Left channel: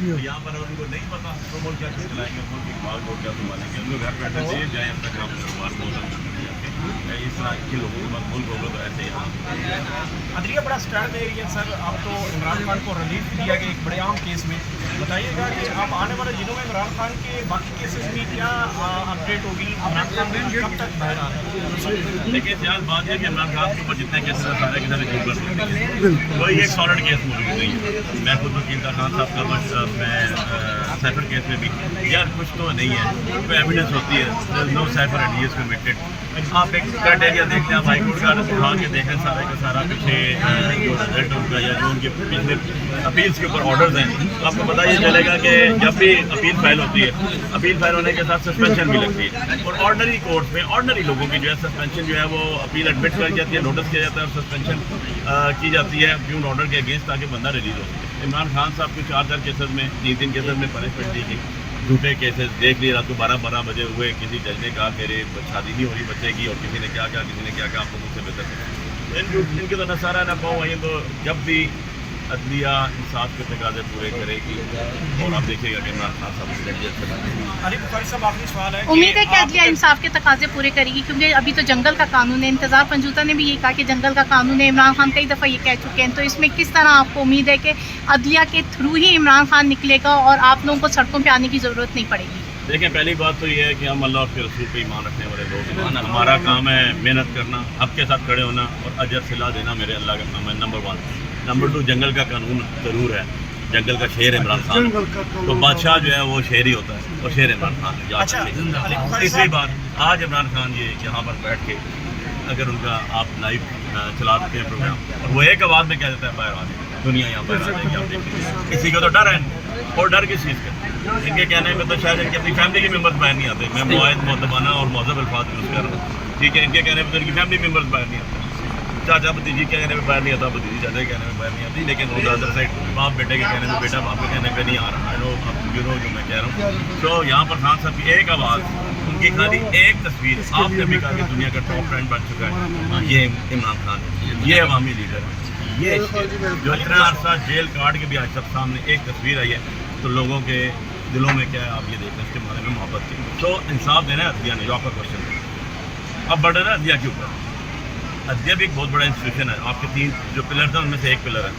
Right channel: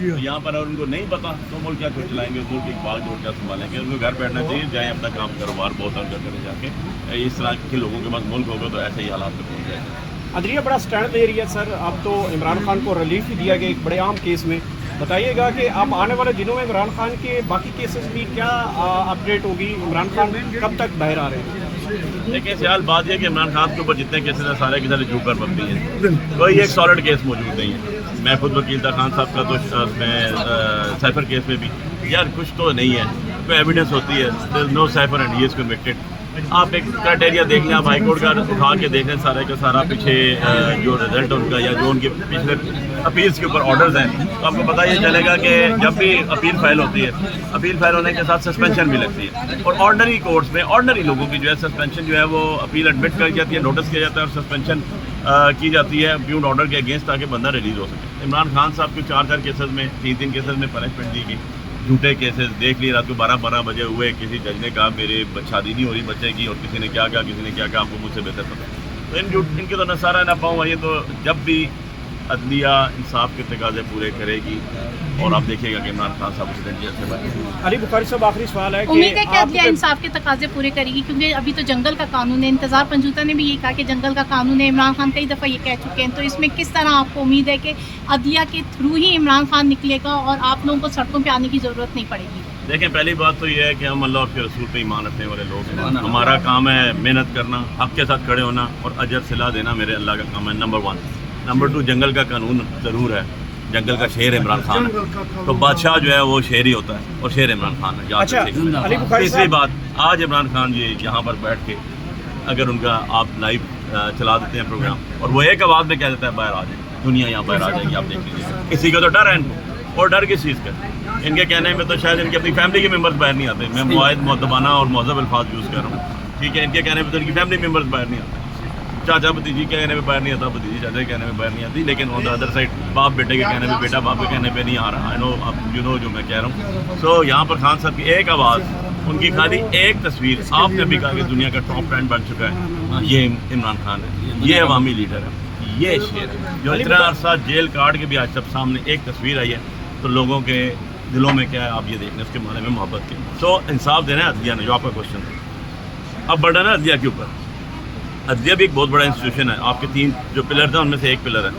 यहाँ पर अगर उनको नहीं पता तो मुल्क क्या चलाएंगे, मुल्क इकबाल कोर्ट क्या संभालेंगे। उनको घर बैठना चाहिए, जाए अपना काम कारोबार बहुत अंदर करें जाके। इस तरह के लोगों के पास मुल्क होगा तो ऐसे ही हालात बन जाएंगे। अदलिया बड़ा स्टैंड दे रही है सर। अब तो इमरान खान को रिलीफ भी दिया गया एक बड़े आम केस में। बताइएगा कि अब आने वाले दिनों में इमरान खान के बाकी केसेस की क्या अपडेट होगी, इमरान खान कब तक बाहर आ रहे हैं? देखिए फिलहाल बात यह कि इमरान खान के ऊपर जितने केसेस हैं सारे के सारे चूक कर सकती है, कोई एक सॉलिड केस मौजूद नहीं है। मैं खुद वकील था, खान साहब का तो साइफर केस में भी यार कुछ तो नहीं है, कोई एविडेंस होती है, no cipher and he is convicted. आप एक क्राइटेरिया देख लें, आप हाई कोर्ट का उठा के देख लें सारे का सारा पीछे जो रिजल्ट उनका या जो उनके पिछले अपील्स के ऊपर ऑर्डर्स हैं, तो आपको पता ये चलेगा कि जब भी अपील फाइल होती है, अपील फाइल होने के साथ सस्पेंशन भी लगती है। और ऑर्डनरी कोर्ट्स में ऑर्डनरी लोगों की जो है सस्पेंशन जो है वो अपील एडमिट कर जाती है, नोटिस किया जाता है और सस्पेंशन की जाती है ब्यून ऑर्डर के अगेंस्ट, ताकि बंदा रिलीज हो सके। इमरान खान साहब के 4 केसेस में 3 केसेस में पनिशमेंट दी गई, झूठे केसेस देख लिए। रात को 12 बजे हुए, किसी जज ने कहा मेरे शादी नहीं हो रही बच्चे की, और किसी ने क्या कहा, किसी ने क्या कहा, आपको मुझसे बेहतर पता। तो इनके तो नसारा ना पाऊँ ये तो जब भी अदलिया इंसाफ के तकाजे पूरे करेगी और आप देखिएगा कि इमरान खान साहब उसके अली बुखारी साहब आखिरी सवाल है, उम्मीद है कि अदलिया इंसाफ के तकाजे पूरे करेगी, क्योंकि अभी तो जंगल का कानून है। इंतजार पंजूता ने भी ये कहा कि जंगल का कानून है, इमरान खान कई दफ़ा ये कह चुके हैं। तो इसमें किस तरह आपको उम्मीद है कि अदलिया के थ्रू ही इमरान खान निकलेगा और आप लोगों को सड़कों पर आने की ज़रूरत नहीं पड़ेगी? देखें, पहली बात तो ये है कि हम अल्लाह के रसूल पे ईमान रखने वाले लोग हैं। हमारा काम है मेहनत करना, हक़ के साथ खड़े होना और अजर सिला देना मेरे अल्लाह का काम है, नंबर 1। नंबर 2, जंगल का कानून ज़रूर है, जंगल का शेर इमरान खान है, तो बादशाह जो है वो शेर ही होता है और शेर इमरान खान है। अच्छा, तीसरी बात, आज इमरान खान ये यहाँ पर बैठ के अगर उनका आप लाइव चला देते हैं प्रोग्राम और वो एक आवाज़ में कह देता है बाहर आ जाए, दुनिया यहाँ बाहर आ जाएगी, आप देख लीजिए। किसी को तो डर है, और डर किस चीज़ का? इनके कहने में तो शायद इनकी अपनी फैमिली के मेम्बर्स बाहर नहीं आते। मैं मुआयद मुअद्दबाना और मुहज़्ज़ब अल्फाज यूज़ कर रहा हूँ, ठीक है। इनके कहने में तो इनकी फैमिली मेम्बर्स बाहर नहीं आते। चाचा भतीजी के कहने में बाहर नहीं आता, भतीजी चाचा के कहने में बाहर नहीं आती, लेकिन ऑन द अदर साइड बाप बेटे के कहने में बेटा बाप के कहने पे नहीं आ रहा। आई नो, आप यू नो जो मैं कह रहा हूँ। सो यहाँ पर खान साहब की एक आवाज़, उनकी खाली एक तस्वीर, आपने भी कहा कि दुनिया का टॉप ब्रांड बन चुका है, ये इमरान खान है, ये अवामी लीडर है, ये शेर जो इतना अरसा जेल काट के भी आज सब सामने एक तस्वीर आई है, तो लोगों के दिलों में क्या है आप ये देख लें, इसके माने में मोहब्बत की। तो इंसाफ देना है अदलिया ने, जो आपका क्वेश्चन था। अब बढ़ना है अदलिया के ऊपर। अदलिया भी एक बहुत बड़ा इंस्टीट्यूशन है, आपके 3 जो पिलर थे उनमें से एक पिलर है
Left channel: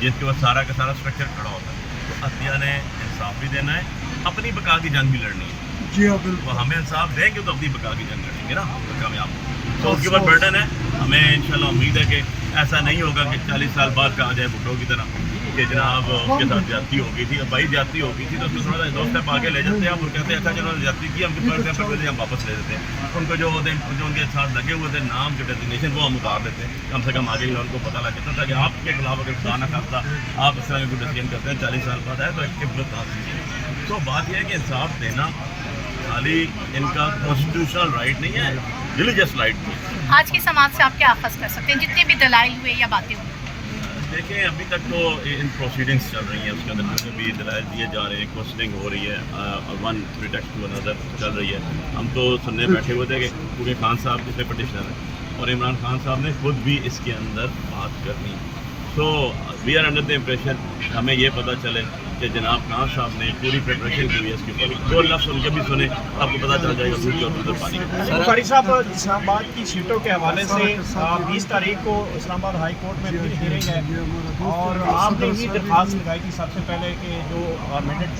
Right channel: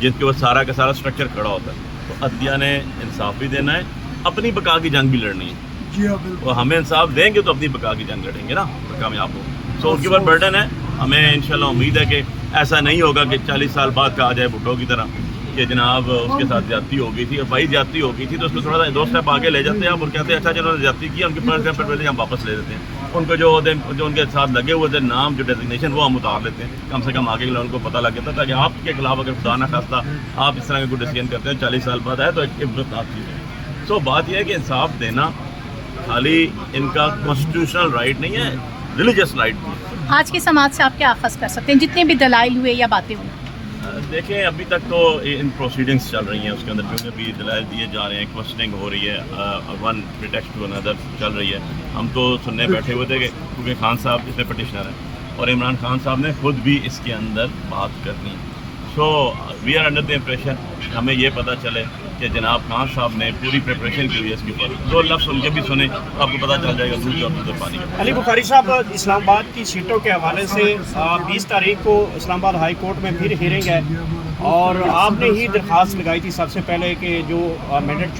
जिसके ऊपर सारा का सारा स्ट्रक्चर खड़ा होता है। तो अदलिया ने इंसाफ भी देना है, अपनी बका की जंग भी लड़नी है। जी हाँ, तो हमें इंसाफ देंगे तो अपनी बका की जंग लड़ेंगे ना, तो कामयाब हो। तो उसके बाद बर्डन है, हमें इंशाल्लाह उम्मीद है कि ऐसा नहीं होगा कि 40 साल बाद कहा जाए भुट्टो की तरह कि जनाब उसके साथ ज्यादती हो गई थी, और भाई ज्यादती हो गई थी तो उसको थोड़ा सा 2 स्टेप आगे ले जाते हैं और कहते हैं अच्छा जिन्होंने ज्यादती की उनके पर स्टेप पर हम वापस ले देते हैं। उनको जो उनके साथ लगे हुए थे नाम, जो डेजिग्नेशन, वो हम उतार लेते हैं। कम से कम आगे के लोगों को पता लग जाता था कि आपके खिलाफ अगर खुदा ना खास्ता आप इस तरह का कोई डिसीजन करते हैं 40 साल बाद आए तो एक इब्बत आती है। तो बात यह है कि इंसाफ देना खाली इनका कॉन्स्टिट्यूशनल राइट नहीं है, रिलीजियस राइट भी है। आज की समाज से आप क्या अखज़ कर सकते हैं, जितने भी दलाइल हुए या बातें हुई? देखें, अभी तक तो इन प्रोसीडिंग्स चल रही हैं, उसके अंदर जो भी दलाइल दिए जा रहे हैं, क्वेश्चनिंग हो रही है, वन प्रिटेक्स्ट टू अनदर चल रही है। हम तो सुनने बैठे हुए थे कि क्योंकि खान साहब जितने पटिशनर हैं और इमरान खान साहब ने खुद भी इसके अंदर बात करनी है। So we are under the impression, हमें ये पता चले कि जनाब खान साहब ने पूरी प्रिपरेशन की हुई है इसके ऊपर, 2 लफ्ज़ उनके भी सुने तो आपको पता चल जाएगा दूध और दूध पानी का। अली बुखारी साहब, इस्लामाबाद की सीटों के हवाले से 20 तारीख को इस्लामाबाद हाई कोर्ट में फिर हियरिंग है और आपने ही दरख्वास्त लगाई थी सबसे पहले कि जो मैंडेट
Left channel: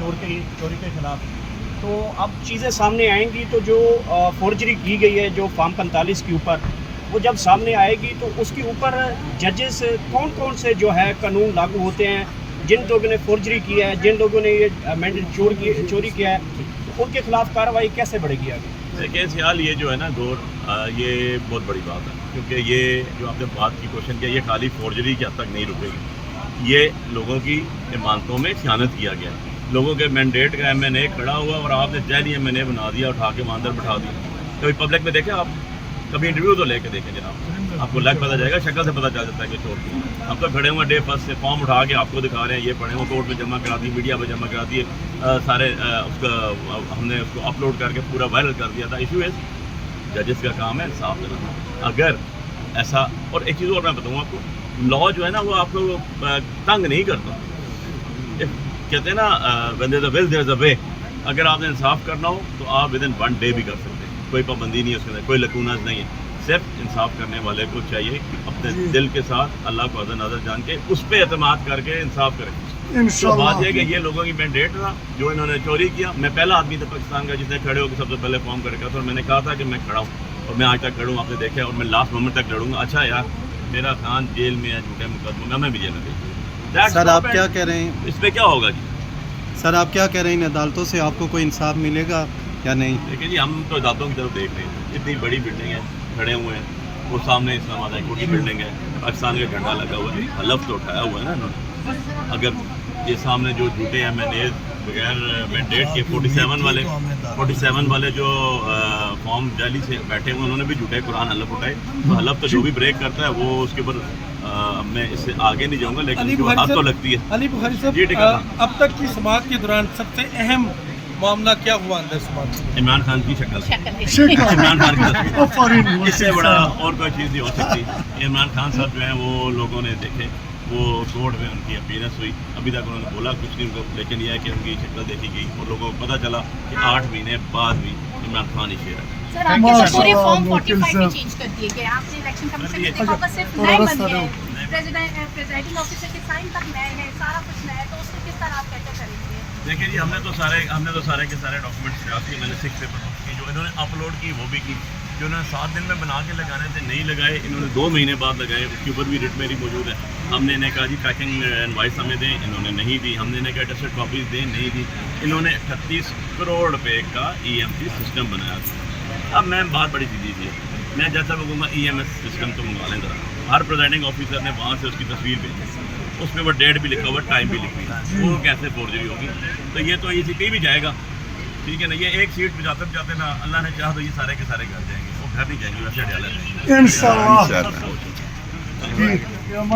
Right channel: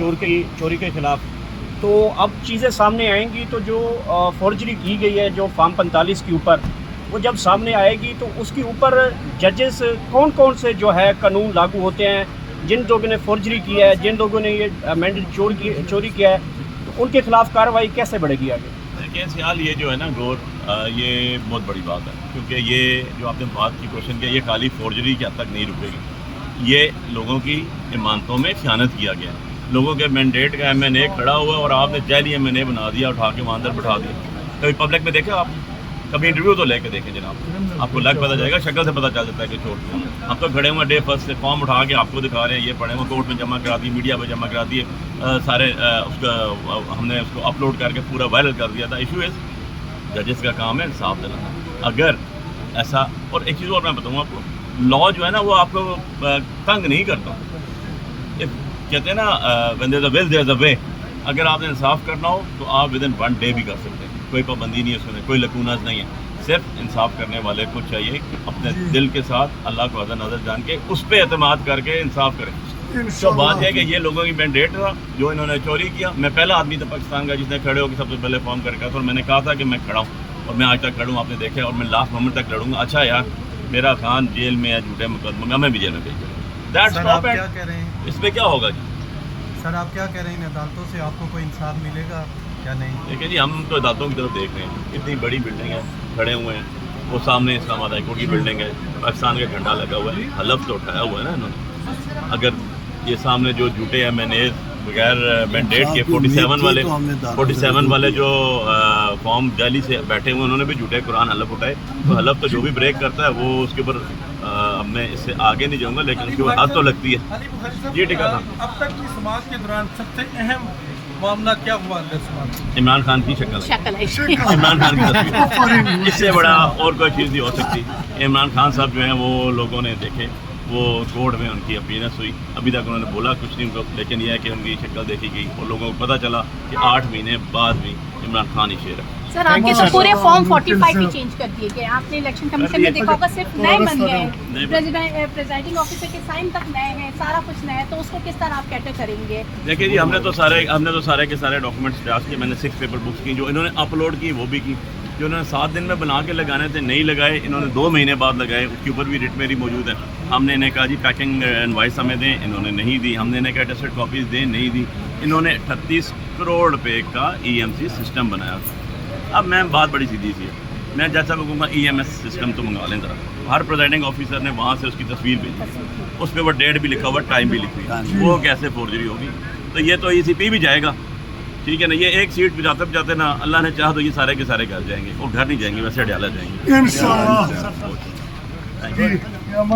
चोरी के खिलाफ, तो अब चीज़ें सामने आएंगी तो जो फॉर्जरी की गई है जो फॉर्म 45 के ऊपर, वो जब सामने आएगी तो उसके ऊपर जजेस कौन कौन से जो है कानून लागू होते हैं, जिन लोगों ने फॉर्जरी किया है, जिन लोगों ने ये मैंडेट चोरी किया है, तो उनके खिलाफ कार्रवाई कैसे बढ़ेगी आगे? देखिए फिलहाल ये जो है ना गौर, ये बहुत बड़ी बात है, क्योंकि ये जो आपने बात की क्वेश्चन किया, ये खाली फॉर्जरी के हद तक नहीं रुकेगी, ये लोगों की इमानतों में खयानत किया गया है। लोगों के मैंडेट का MNA खड़ा हुआ और आपने जैली MNA बना दिया, उठा के वहाँ अंदर बैठा दिया। कभी पब्लिक में देखे आप, कभी इंटरव्यू तो लेके देखें जनाब, आपको लग पता जाएगा, शक्ल से पता चल जाता है कि चोर कौन है। हम तो खड़े हुए डे फर्स्ट से फॉर्म उठा के आपको दिखा रहे हैं, ये पढ़े हुए कोर्ट में जमा करा दिए, मीडिया में जमा करा दिए, सारे उसका हमने उसको अपलोड करके पूरा वायरल कर दिया था। इशू इज़ जजेस का काम है इंसाफ दिलाना। अगर ऐसा, और एक चीज़ और मैं बताऊँ आपको, लॉ जो है ना वो आपको तंग नहीं करता। کہتے ہیں نا when there's a will there's a way. اگر آپ نے انصاف کرنا ہو تو آپ ود ان 1 day بھی کر سکتے ہیں, کوئی پابندی نہیں ہے اس کے اندر, کوئی لکوناز نہیں ہے. صرف انصاف کرنے والے کو چاہیے کہ اپنے دل کے ساتھ اللہ کو حاضر ناظر جان کے اس پہ اعتماد کر کے انصاف کریں. تو بات یہ ہے کہ یہ لوگوں کی مینڈیٹ تھا جو انہوں نے چوری کیا. میں پہلا آدمی تھا پاکستان کا جس نے کھڑے ہو کے سب سے پہلے فارم کر کے اور میں نے کہا تھا کہ میں کھڑا ہوں اور میں آج تک کھڑا ہوں, آپ نے دیکھا, اور میں لاسٹ مومنٹ تک لڑوں گا. اچھا یار میرا خان جیل میں ہے جھوٹے مقدموں میں, ہمیں بھی جیل میں بھیج. سر آپ کیا کہہ رہے ہیں اس پہ کیا ہوگا جی؟ سر آپ کیا کہہ رہے ہیں, عدالتوں سے آپ کو کوئی انصاف ملے گا یا نہیں؟ دیکھیں جی, ہم تو عدالتوں کی طرف دیکھ رہے ہیں. اتنی بڑی بلڈنگ ہے, کھڑے ہوئے ہیں, وہ سامنے اسلام آباد ہائی کورٹ کی بلڈنگ ہے, پاکستان کا جھنڈا لگا ہوا ہے, حلف تو اٹھایا ہوا ہے نا انہوں نے. اگر یہ سامنے جو جھوٹے ہیں میں نے بغیر مینڈیٹ کے 47 والے جو فارم جعلی سے بیٹھے ہوئے انہوں نے بھی جھوٹے قرآن حلف اٹھائے. تو حلف تو جو بھی بریک کرتا ہے وہ اس کے اوپر میں اس سے آگے نہیں جاؤں گا, لیکن اس کے اوپر حد تو لگتی ہے. علی بخاری صاحب جی ٹھیکا تھا. اب تک کی سماعت کے دوران سب سے اہم معاملہ کیا ہوا اندر سماعت؟ عمران خان کی شکل ہے, عمران خان کی تصویر, اس سے بڑا اور کوئی چیز نہیں ہو سکتی. عمران خان صاحب جو ہیں وہ لوگوں نے دیکھے, وہ کورٹ میں ان کی اپیرنس ہوئی, ابھی تک انہوں نے بولا کچھ نہیں ان کو, لیکن یہ ہے کہ ان کی شکل دیکھی گئی اور لوگوں کو پتہ چلا کہ 8 مہینے بعد بھی عمران خان ہی شیر ہے. سر آپ کے تو پورے فارم 45 بھی چینج کر دیے گئے. آپ نے الیکشن کمیشن میں دیکھا ہوگا صرف نئے بن گئے, پریزائڈنگ آفیسر کے سائن تک نئے ہیں, سارا کچھ نیا ہے, تو اس کو کس طرح آپ کیسے کریں گے؟ دیکھیے جی, ہم نے تو سارے کے سارے ڈاکومنٹس تیار کیے. میں نے 6 پیپر بکس کی, جو انہوں نے اپلوڈ کی وہ بھی کی, جو انہوں نے 7 دن میں بنا کے لگانے تھے نہیں لگائے, انہوں نے 2 مہینے بعد لگائے. اس کے اوپر بھی رٹ میری موجود ہے. ہم نے انہیں کہا جی پیکنگ انوائس ہمیں دیں, انہوں نے نہیں دی. ہم نے انہیں کہا ٹیسٹڈ کاپیز دیں, نہیں دی. انہوں نے 38 کروڑ روپے کا EMC سسٹم بنایا تھا. اب میم بات بڑی سیدھی سی ہے, میں جیسا لوگوں کا EMS سسٹم تو منگا لیں ذرا. ہر پریزائڈنگ آفیسر نے وہاں سے اس کی تصویر بھیجی, اس پہ وہ ڈیٹ بھی لکھا ہوا, ٹائم بھی لکھی ہوئی, وہ کیسے فورجری ہوگی؟ تو یہ تو ECP بھی جائے گا, ٹھیک ہے نا. یہ ایک سیٹ جاتے نا, اللہ نے چاہا تو یہ سارے کے سارے گھر جائیں گے, وہ گھر نہیں جائیں گے, ویسے ڈالا جائیں گے.